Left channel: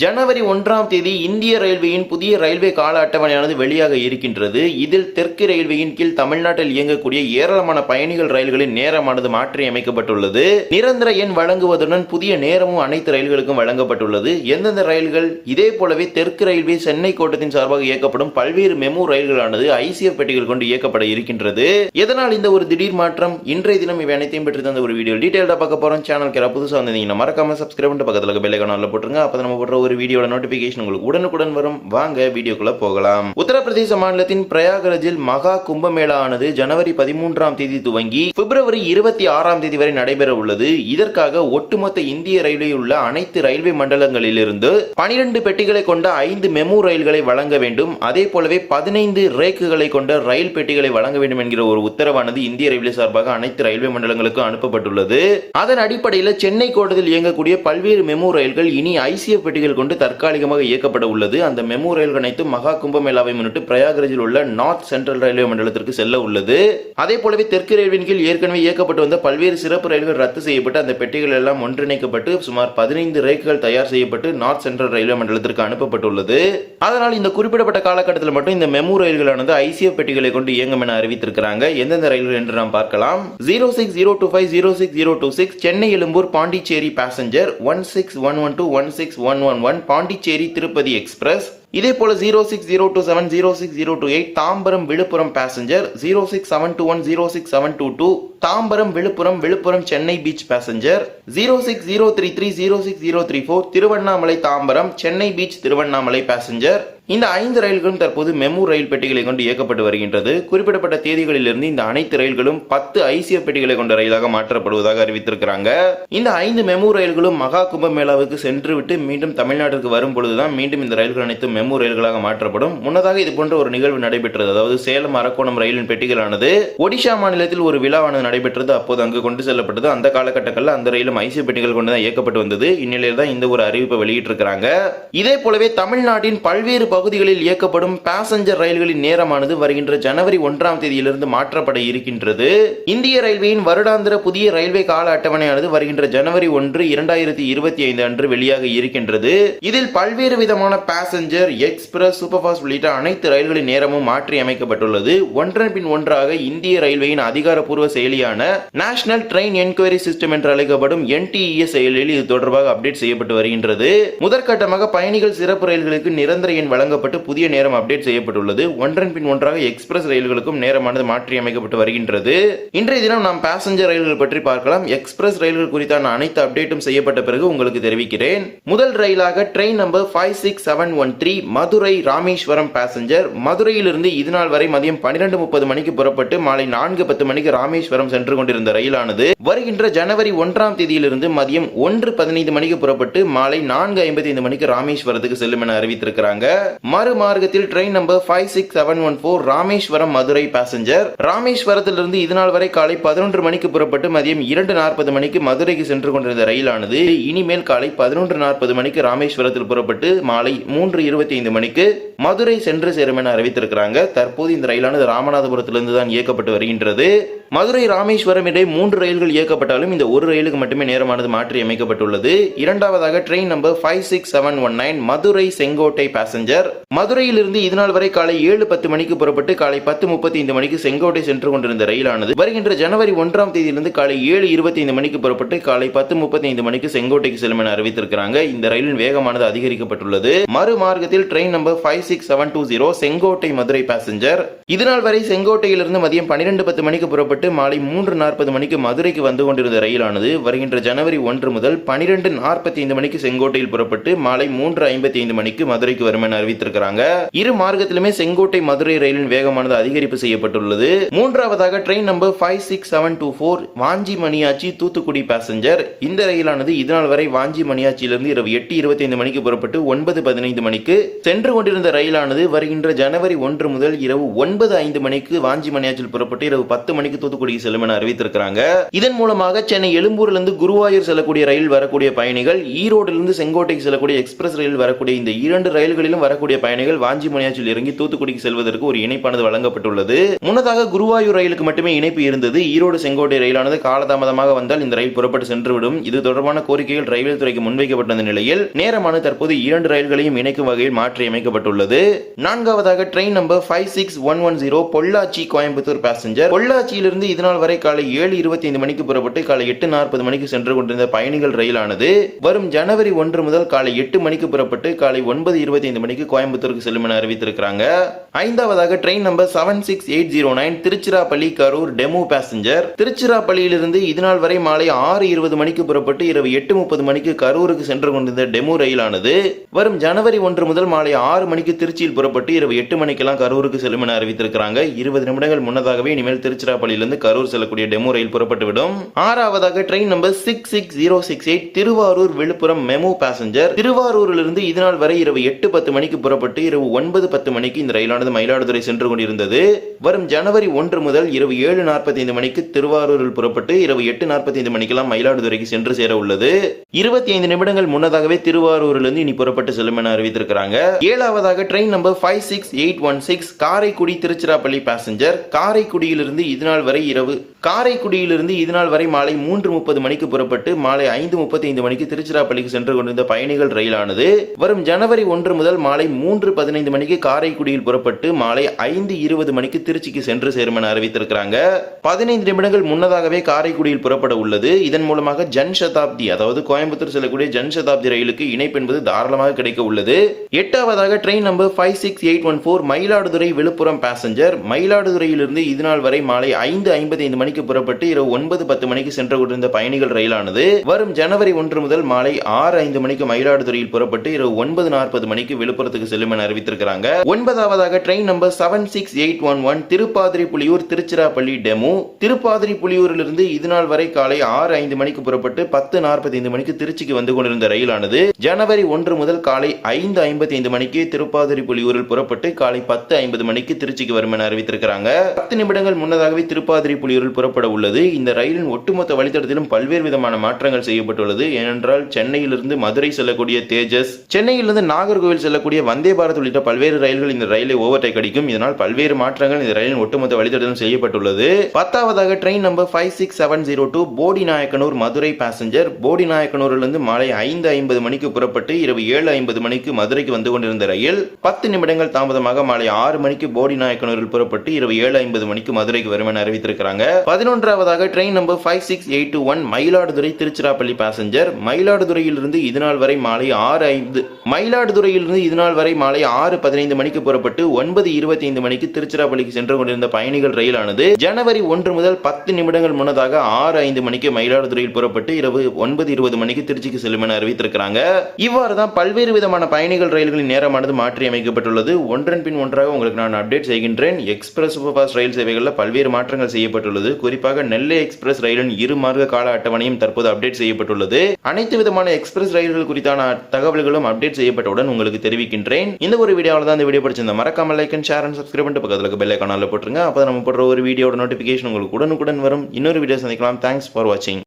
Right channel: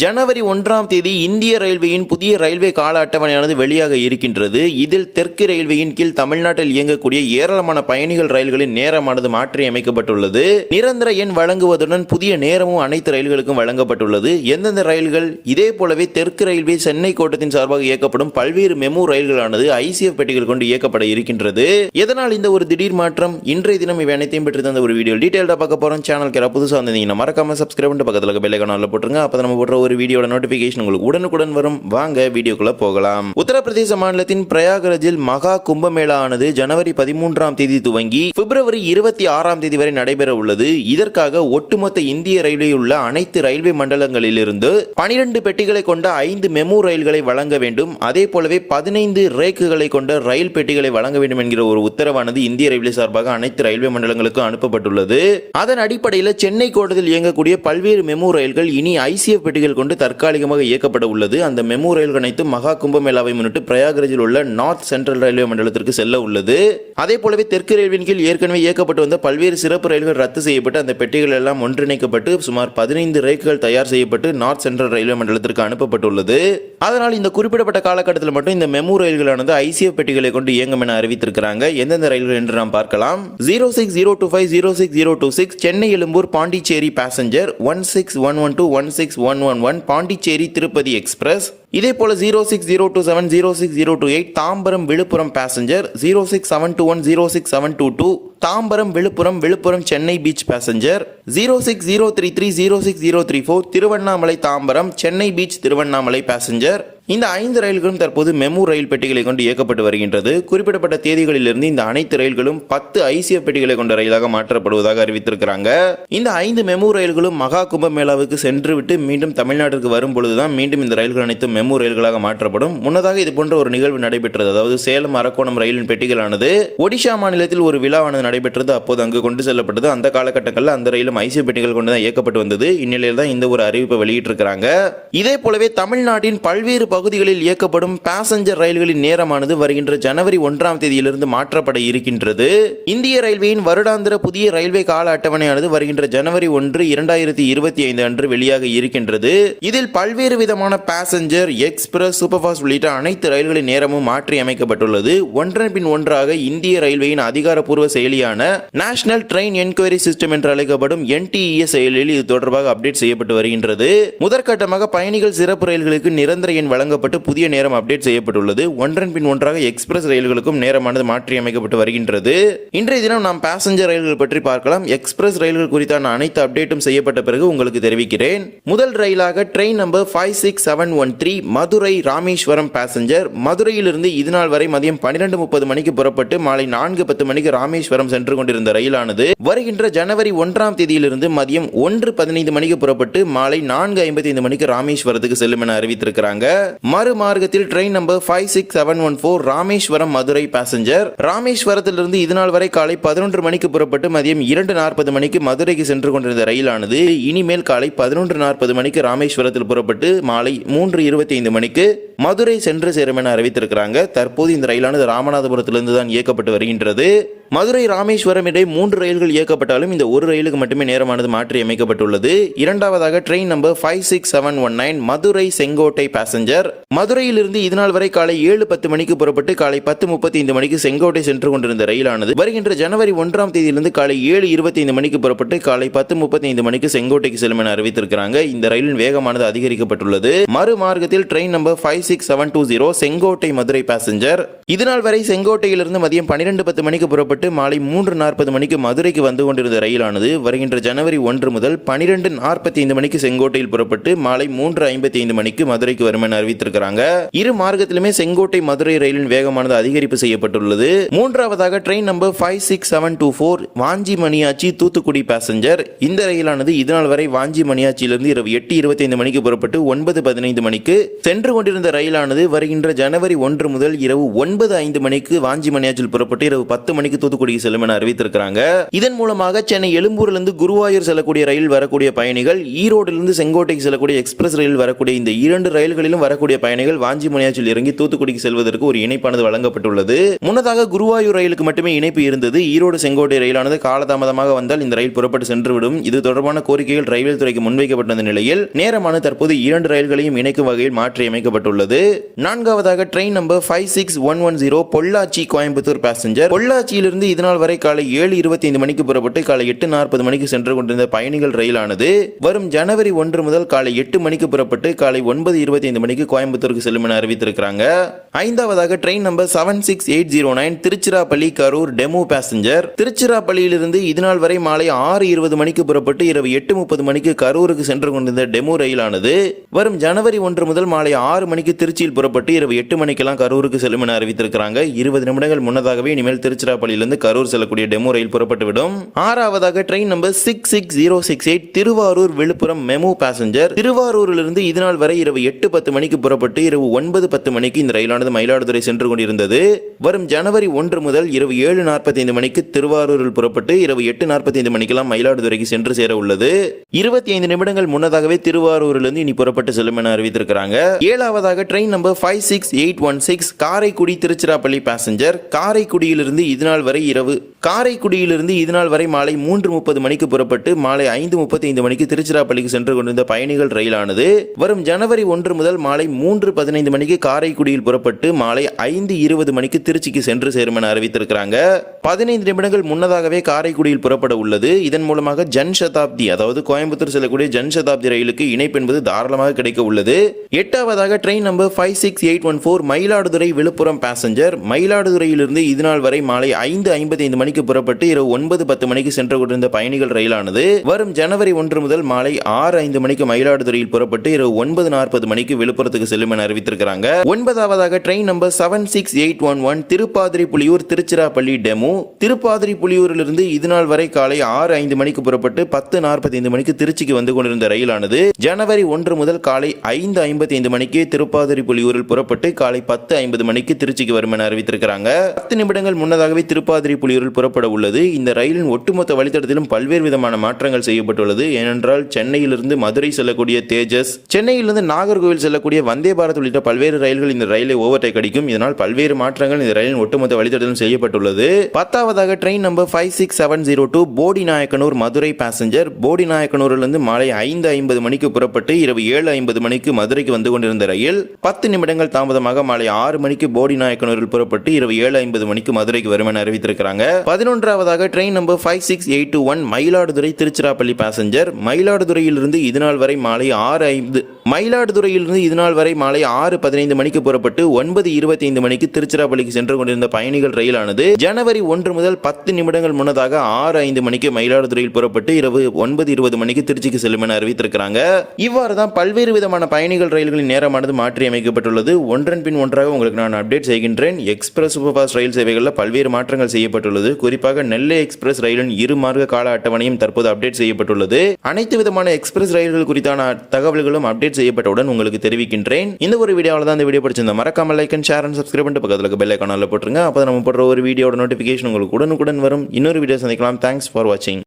ஜனவரி 1ஆம் தேதி இந்திய ரயில்வேயின் புதிய ரயில்வே கால அட்டவணையானது வெளியாக இருக்கின்றது. இதில் தெற்கு ரயில்வேயின் கீழ் தமிழ்நாட்டில் இயங்கக்கூடிய ஏராளமான பயணிகள் ரயில்களின் நேரமானது மாற்றி அமைக்கப்பட்டுள்ளது. நிரந்தர எண் வழங்குவதுடன் புதிய நேரமும் அனைத்து ரயில்களுக்கும் வழங்கப்பட்டுள்ளது. எந்தெந்த ரயில்கள்? இதே போலவே தெற்கு ரயில்வே சென்னை கோட்டத்தின் சார்பாக இயக்கப்படும் பல்வேறு மெமு ரயில்களானது ஐசிஎஃப் பெட்டிகள் கொண்டு இயக்கப்பட இருக்கின்றது. எதனால் இந்த ஒரு திடீர் மாற்றம்? இன்றைய தினம் இவை அனைத்தையும் பற்றி தந்த ஒரு வீடியோ டீடைல்டா பார்க்க போறோம். சேனலுக்கு புதுசாக வந்தீங்கன்னா மறக்காம சப்ஸ்கிரைப் பண்ணிட்டு பக்கத்துல பெல் ஐகானை போட்டுருங்க. அப்ப நம்ம போடுற ஒரு வீடியோட நோட்டிபிகேஷன் உங்களுக்கு உடனுக்குடன் வரும். வாங்க வீடியோக்குள்ள போகலாம். உத்தரப்பிரதேச மாநிலத்தின் பிரயாகராஜில் மகா கும்பமேளா ஆனது ஜனவரி 13ஆம் தேதி துவங்கி பிப்ரவரி 26ஆம் தேதி வரை நடைபெற உள்ளது. இதற்காக ஒட்டுமொத்த இந்திய ரயில்வேயில் உள்ள அனைத்து ரயில்வே மண்டலங்களிலிருந்து 12 பெட்டிகளை கொண்ட 5 மெமு ரயில்களை வழங்க வேண்டும். அதே போலவே 15 ரேக்குகளை கொண்ட ரயில் பெட்டிகளை வழங்க வேண்டும் என்கிற ஒரு உத்தரவானது இந்திய ரயில்வே சார்பாக அனைத்து ரயில்வே மண்டலங்களுக்கும் அனுப்பப்பட்டுள்ளது. அதன் அடிப்படையில் சென்னை கோட்டத்தில் இயங்கக்கூடிய பல்வேறு மெமு ரயில்கள் இனி ஐசிஎஃப் பெட்டிகள் கொண்டு தற்காலிகமாக இயக்கப்பட உள்ளது. அந்த மெமு ரயில்கள் அனைத்து மகா கும்பமேளாவை முன்னிட்டு பிரயாகராஜில் உள்ள நார்த் சென்ட்ரல் ரயில்வே மண்டலத்திற்கு செல்ல உள்ளது. அதே போலவே தெற்கு ரயில்வேயின் கீழ் ஏற்கனவே இயக்கப்பட்டு வந்த பல்வேறு சிறப்பு ரயில்கள் ரத்து செய்யப்பட்டு அந்த பெட்டிகள் எல்லாம் ஒன்றிணைக்கப்பட்டு சுமார் 15 ரேக்குகள் தயார் செய்யப்பட்டு நார்த் சென்ட்ரல் ரயில்வே மண்டலத்திற்கு அனுப்பப்பட்டுள்ளது. அதனால் இந்த குறிப்பிடப்பட்ட காலகட்டத்தில் மட்டும் இந்த மெமு ரயில்களானது ஐசிஎஃப் பெட்டிகளை கொண்டு இயங்கும் என அறிவித்திருக்கிறாங்க. எந்தெந்த ரயில்கள் என்று நாம் பார்க்கலாம். 06025 06026 சென்னை எழும்பூர் பாண்டிச்சேரி பேசஞ்சர் 16112 16111 பாண்டிச்சேரி திருப்பதி எக்ஸ்பிரஸ். இதே போல 06027 06028 Tambaram Villupuram passenger 06721 06722 Tambaram Villupuram Villupuram Chennai beach passenger 06033 06034 Tiruvannamalai Tambaram Chennai beach Tiruvannamalai passenger. இந்த 5 ரயில்களும் தற்போது மெமு ரயில் பெட்டிகளை கொண்டு இயக்கப்பட்டு வருகின்றது. குறிப்பிடப்பட்ட தேதிகளிலிருந்து இந்த அனைத்து ரயில்களும் 10 ஐசிஎஃப் பெட்டிகளை கொண்ட ரயிலாக மாற்றப்படுவதாக அறிவித்திருக்கிறாங்க. இந்த 5 மெமு ரயில்களும் மகா கும்பமேளாவுக்கு சென்றுவிட்டு மீண்டும் தமிழ்நாட்டிற்கு வரும் பொழுதுதான் மீண்டும் இந்த ரயில்கள் அனைத்தும் மெமு ரயில்களாக மாற்றப்படும். முன்னதாக இது போன்ற ஒரு நிகழ்வு நடைபெற்றது. அதாவது சேலம் அரக்கோணம் ரயிலின் பெட்டிகளானது ஒடிஷா மாநிலத்தில் ஒரு விழாவானது நடைபெற்றது. அப்போது அங்கு கொண்டு செல்லப்பட்டது. அந்த காலகட்டங்களில் அந்த ரயிலும் ஐசிஎஃப் பெட்டிகள் கொண்டு தான் இயக்கப்பட்டு வந்தது. இந்நிலையில் தான் இந்த ஒரு அறிவிப்பை வெளியிட்டிருக்கிறாங்க. இதே போலவே தமிழ்நாட்டின் பல்வேறு பகுதிகளில் இயக்கப்படும் பேசஞ்சர் ரயில்களின் நேரமானது வருகின்ற ஜனவரி 1ஆம் தேதியிலிருந்து மாற்றப்பட இருக்கின்றது. இந்திய ரயில்வேயின் வருடாந்திர புதிய ரயில்வே கால அட்டவணையானது வருகின்ற ஜனவரி 1, 2025 அன்று வெளியாக இருக்கின்றது. இதில் பல்வேறு விதமான பேசஞ்சர், எக்ஸ்பிரஸ், சூப்பர்ஃபாஸ்ட் உள்ளிட்ட அனைத்து ரயில்களின் நேரமும் மாற்றி அமைக்கப்பட்டுள்ளது. ஒன்றன் பின் ஒன்றாக இந்திய ரயில்வேயின் அதிகாரப்பூர்வ செயலியான நேஷனல் ட்ரெயின் என்கொயரி சிஸ்டம் என்று அழைக்கப்படும் NTES செயலில் இது தொடர்பாக அப்டேட் செய்யப்பட்டு வருகின்றது. முதற்கட்டமாக பயணிகள் சிறப்பு ரயில்களுக்கு நிரந்தர எண் வழங்கப்பட்டு புதிய நேரம் அப்டேட் செய்யப்பட்டுள்ளது. ஒன்றன் பின் ஒன்றாக எக்ஸ்பிரஸ் ரயில்களுக்கும் நேரமானது மாற்றி அமைக்கப்பட்டு வருகின்றது. இன்றைய தினம் நாம் பேசஞ்சர் ரயில்கள் பற்றி பார்க்கலாம். எக்ஸ்பிரஸ் ரயில்கள் குறித்தான அனைத்து அப்டேட்டும் செய்யப்பட்ட பிறகு உங்களுக்கு தெரிவிக்கிறேன். முதல் ரயிலாக train number 56713 Madurai Rameswaram passenger. மதுரையிலிருந்து இதுநாள் வரை மதியம் 12:30 மணிக்கு புறப்பட்டு மாலை 4:10 மணிக்கு ராமேஸ்வரம் சென்று கொண்டிருந்த ரயிலானது வருகின்ற ஜனவரி 1ஆம் தேதியிலிருந்து மதியம் 1:15 மணிக்கு புறப்பட்டு மாலை 4:55 மணிக்கு ராமேஸ்வரத்துக்கு செல்லும் என அறிவித்திருக்கிறாங்க. மறுமார்க்கத்தில் train number 56714 Rameswaram Madurai passenger. ராமேஸ்வரத்திலிருந்து இதுநாள் வரை காலை 11 மணிக்கு புறப்பட்டு மதியம் 2:40 மணிக்கு மதுரைக்கு சென்று கொண்டிருந்த ரயிலானது இனிமேல் காலை 11:40 மணிக்கு ராமேஸ்வரத்தில் புறப்பட்டு மாலை 3:25 மணிக்கு மதுரை சென்று சேரும் என அறிவித்திருக்கிறாங்க. தற்போது இந்த ரயிலானது ராமநாதபுரத்திலிருந்து தான் இயக்கப்பட்டு வருகின்றது. மதுரை ராமேஸ்வரம் இடையே 3 ரயில்கள் இயக்கப்பட்டாலும் இந்த ஒரு ரயிலுக்கு மட்டுமே நேரமானது மாற்றி அமைக்கப்பட்டுள்ளது. இரண்டாவதாக train number 56719 Madurai Sengottai passenger. மதுரையிலிருந்து இதுநாள் வரை காலை 7:10 மணிக்கு புறப்பட்டு காலை 10:35 மணிக்கு செங்கோட்டை சென்று கொண்டிருந்த ரயிலானது வருகின்ற ஜனவரி 1ஆம் தேதியிலிருந்து காலை 7:25 மணிக்கு புறப்பட்டு காலை 10:35 மணிக்கு செங்கோட்டைக்கு செல்லும் என அறிவித்திருக்கிறாங்க. இந்த ரயிலின் வேகமானது அதிகரிக்கப்பட்டுள்ளது. மறுமார்க்கத்தில் train number 56720 Sengottai Madurai passenger. இதுநாள் வரை செங்கோட்டையிலிருந்து மதியம் 12:10 மணிக்கு புறப்பட்டு மாலை 3:40 மணிக்கு மதுரைக்கு வந்து கொண்டிருந்த ரயிலானது வருகின்ற ஜனவரி 1 முதல் 12:45 மணிக்கு செங்கோட்டையில் புறப்பட்டு மாலை 3:55 மணிக்கு மதுரைக்கு வரும் என அறிவித்திருக்கிறாங்க. இரு மார்க்கத்திலுமே செங்கோட்டை மதுரை ரயிலின் வேகமானது அதிகரிப்பு செய்யப்பட்டுள்ளது. மூன்றாவதாக train number 56724 Vanchi Maniyachi Thoothukudi passenger. இந்த ரயிலானது இதுநாள் வரை வாஞ்சி மணியாச்சியிலிருந்து இரவு 8:25 மணிக்கு புறப்பட்டு 9:15 மணிக்கு சென்று கொண்டிருந்த ரயிலானது வருகின்ற ஜனவரி 1 முதல் இரவு 9:05 மணிக்கு வாஞ்சி மணியாச்சியில் புறப்பட்டு இரவு 10 மணிக்கு தூத்துக்குடிக்கு செல்லும் என அறிவித்திருக்கிறாங்க. இதன் மூலமாக சென்னை எழும்பூரிலிருந்து குருவாயூர் செல்லக்கூடிய ரயில் வரக்கூடிய பயணிகள், ஈரோடிலிருந்து செங்கோட்டைக்கு செல்லக்கூடிய எக்ஸ்பிரஸ் ரயில் வரக்கூடிய இந்த 2 ரயில்களிலும் வரக்கூடிய பயணிகள் வாஞ்சிமுனியாச்சில் இறங்கி தூத்துக்குடிக்கு செல்வதற்கு ஒரு இணைப்பானது வழங்கப்பட்டுள்ளது. முன்னதாக குருவாயூர் ரயிலுக்கு மட்டுமே இணைப்பு இருந்தது. ஈரோடு செங்கோட்டை ரயிலானது காலதாமதமாக வந்தால் இந்த ரயில் புறப்பட்டு சென்றுவிடும். இது தொடர்பான கோரிக்கைகள் ரயில்வே துறைக்கு முன்வைக்கப்பட்ட நிலையில் நேரமான தற்போது 2 ரயில்களையும் இணைக்கும் வகையில் மாற்றி அமைக்கப்பட்டுள்ளது. 4வது train number 56110 Pollachi Coimbatore passenger. பொள்ளாச்சியிலிருந்து இதனால் வரை காலை 7:25 மணிக்கு புறப்பட்டு காலை 8:40 மணிக்கு சென்று கொண்டிருந்த பயணிகள் ரயிலானது வரும் ஜனவரி 1 முதல் காலை 8 மணிக்கு புறப்பட்டு காலை 9:25 மணிக்கு கோயம்புத்தூருக்கு செல்லும் என அறிவித்திருக்கிறாங்க. 5வது train number 76809 Tiruchirappalli Karur DEMU passenger. திருச்சிராப்பள்ளியிலிருந்து இதனால் வரை மாலை 6:20 மணிக்கு புறப்பட்டு இரவு 8:30 மணிக்கு கரூருக்கு சென்று கொண்டிருந்த டெமோ ரயிலானது வரும் ஜனவரி 1 முதல் மாலை 6 மணிக்கு திருச்சியில் புறப்பட்டு இரவு 8 மணிக்கெல்லாம் கரூருக்கு செல்லும் என அறிவித்திருக்கிறாங்க. 20 நிமிடங்கள் முன்னதாகவே இனிமேல் திருச்சிராப்பள்ளியிலிருந்து கரூர் செல்லக்கூடிய டெமோ ரயில் புறப்பட்டுவிடும். 6வது train number 66068 Tiruvarur Villupuram MEMU passenger. திருவாரூரிலிருந்து இதனால் வரை இரவு 8:10 மணிக்கு புறப்பட்டு இரவு 9:10 மணிக்கு இந்த ரயிலானது மயிலாடுதுறை சென்று கொண்டிருந்தது. வரும் ஜனவரி 1 முதல் இரவு 7:45 மணிக்கு திருவாரூரில் புறப்பட்டு இரவு 8:45 மணிக்கெல்லாம் மயிலாடுதுறைக்கு சென்று சேர உள்ளது. 25 நிமிடங்கள் முன்னதாகவே திருவாரூரிலிருந்து இனி புறப்பட்டு செல்லும் என அறிவித்திருக்கிறாங்க. 7வது train number 56816 Karaikudi Tiruchirappalli passenger. காரைக்குடியிலிருந்து இதனால் வரை மாலை 3:30 மணிக்கு புறப்பட்டு மாலை 5:35 மணிக்கு திருச்சிராப்பள்ளிக்கு சென்று கொண்டிருந்த பயணிகள் ரயிலானது வரும் ஜனவரி 1 முதல் மாலை 3:15 மணிக்கு காரைக்குடியில் புறப்பட்டு மாலை 5:20 மணிக்கு திருச்சிக்கு சென்று சேரும் என அறிவித்திருக்கிறாங்க. 15 நிமிடங்கள் முன்னதாகவே காரைக்குடியில் புறப்பட உள்ளது. இதன் மூலமாக ஜன் சதாப்தி, அதாவது கோயம்புத்தூர் செல்லக்கூடிய ஜன் சதாப்தி ரயிலுக்கு இணைப்பு என்பது தாராளமாக கிடைக்க உள்ளது. 8வது train number 56814 Mayiladuthurai Villupuram passenger. மயிலாடுதுறையிலிருந்து இதனால் வரை மாலை 5:55 மணிக்கு புறப்பட்டு இரவு 9:10 மணிக்கு சென்று கொண்டிருந்த பயணிகள் ரயிலானது வரும் ஜனவரி 1 முதல் மாலை 6:05 மணிக்கு மயிலாடுதுறையில் புறப்பட்டு இரவு 9:40 மணிக்கு விழுப்புரத்துக்கு செல்லும் என அறிவித்திருக்கிறாங்க. 9வது train number 76811 Tiruppadiri Puliyur Tiruchirappalli DEMU. Tiruppadiri புலியூரிலிருந்து இதனால் வரை காலை 6:05 மணிக்கு புறப்பட்டு 10:45 மணிக்கு திருச்சிக்கு வந்து கொண்டிருந்த ரயிலானது ஜனவரி 1 முதல் காலை 5:55 மணிக்கு திருப்பாதிரி புலியூரில் புறப்பட்டு காலை 10:50 மணிக்கு திருச்சிக்கு வரும் என அறிவித்திருக்கிறாங்க. 10 நிமிடங்கள் முன்னதாகவே திருப்பாதிரி புலியூரில் புறப்பட உள்ளது. இந்த ரயிலின் ஒட்டுமொத்த வழித்தடத்திலும் பல்வேறு விதமான மாற்றங்கள் செய்யப்பட்டுள்ளது. ஏனென்றால் சென்னையிலிருந்து மதுரை செல்லக்கூடிய தேஜஸ், சென்னையிலிருந்து நாகர்கோவில் செல்லக்கூடிய வந்தே பாரத் உள்ளிட்ட பல்வேறு ரயில்கள் இந்த ரயிலை ஓவர்டேக் அடிக்கும். இதனால் பல்வேறு மாற்றங்கள் இந்த ரயிலின் ஒட்டுமொத்த வழித்தடத்திலும் செய்யப்பட்டுள்ளது. 10வது train number 56702 Bodinayakanur Madurai passenger. போடிநாயக்கனூரிலிருந்து மாலை 5:50 மணிக்கு புறப்பட்டு இரவு 7:50 மணிக்கு மதுரைக்கு வந்து கொண்டிருந்த ரயில் 10 நிமிடங்கள் தாமதமாக மாலை 6 மணிக்கு போடிநாயக்கனூரில் புறப்பட்டு இரவு 7:50 மணிக்கு மதுரைக்கு வரும் என அறிவித்திருக்கிறாங்க. 11வது train number 56821 Mayiladuthurai Tiruchirappalli passenger. மயிலாடுதுறையிலிருந்து இதனால் வரை மாலை 6:15 மணிக்கு புறப்பட்டு 9:25 மணிக்கு திருச்சிராப்பள்ளிக்கு சென்று கொண்டிருந்த பயணிகள் ரயிலானது ஜனவரி 1 முதல் 10 நிமிடங்கள் முன்னதாக 6:05 மணிக்கு மயிலாடுதுறையில் புறப்பட்டு இரவு 9:20 மணிக்கு திருச்சிக்கு செல்லும் என அறிவித்திருக்கிறாங்க. இவ்வாறு தான் பல்வேறு விதமான பயணிகள் ரயில்களின் நேரமானது மாற்றி அமைக்கப்பட்டுள்ளது. ஒன்றன் பின் ஒன்றாக உங்களுக்கு நான் அப்டேட் செய்கின்றேன். எக்ஸ்பிரஸ் சூப்பர் ஃபாஸ்ட் ரயில் சேவைகளில் பல்வேறு மாற்றங்கள் செய்யப்பட்டுள்ளது. குறிப்பாக நெல்லை எக்ஸ்பிரஸ் ரயிலின் 2 மார்க்க கால அட்டவணையும் தற்போது அப்டேட் செய்யப்பட்டுள்ளது. அனைத்து விதமான எக்ஸ்பிரஸ் ரயில்கள் குறித்தான தகவல்களும் அப்டேட் செய்யப்பட்டவுடன் உங்களுக்கு தெரிவிக்கின்றேன். இந்த ஒரு வீடியோவில் தான் இந்த வீடியோ பிடிச்சிருந்தா மறக்காம like and share and subscribe பண்ணிட்டு பக்கத்தில் பெல் ஐகானில் போட்டுருங்க. அப்போ நம்ம போடுற ஒரு வீடியோட நோட்டிஃபிகேஷன் உங்களுக்கு உடனுக்குடன் வரும். இன்னொரு வீடியோ சந்திக்கலாம். தேங்க்ஸ் ஃபார் வாட்சிங்.